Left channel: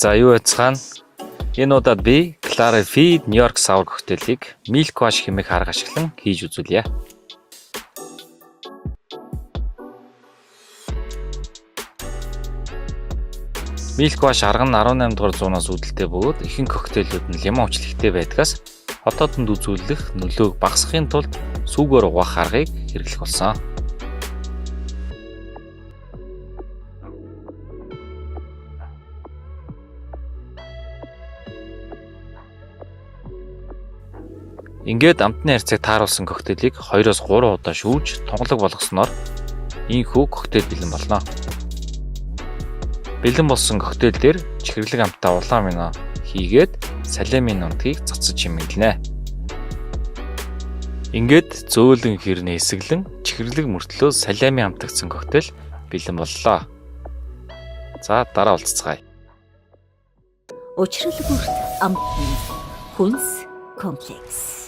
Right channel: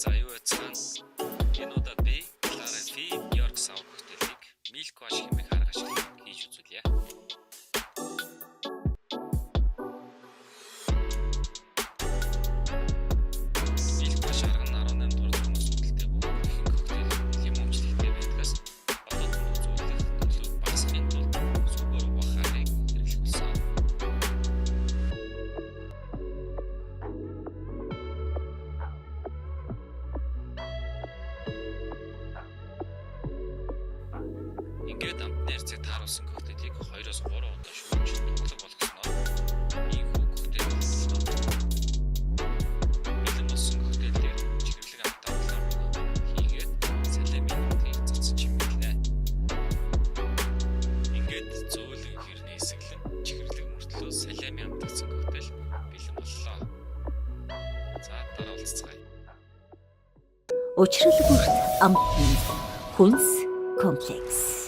За юу яцхан энэ удаад би Clara Feed New York Sour коктейлийг Milk Wash хэмээх арга ашиглан хийж үзүүлье. Milk Wash арга нь 18 дугаар зуунаас үүдэлтэй бөгөөд ихэнх коктейлүүд нь лимон хүчилттэй байдгаас хотоодонд үзүүлэх нөлөөг багасгахын тулд сүүгээр угаах аргыг хэрэглэх болсон. Ингээд амтны харьцааг тааруулсан коктейлийг 2-3 удаа шүүж тунгалаг болгосноор ийхүү коктейл бэлэн болно. Бэлэн болсон коктейл дээр чихэрлэг амттай улаан вино хийгээд салемын нутгийг цацаж чимэглэнэ. Ингээд зөөлөн хэрнээ эсэглэн чихэрлэг мөртлөө салемын амтгдсан коктейл бэлэн боллоо. За дараа уулзцгаая. Учрал бүрт амтны хүнс комплекс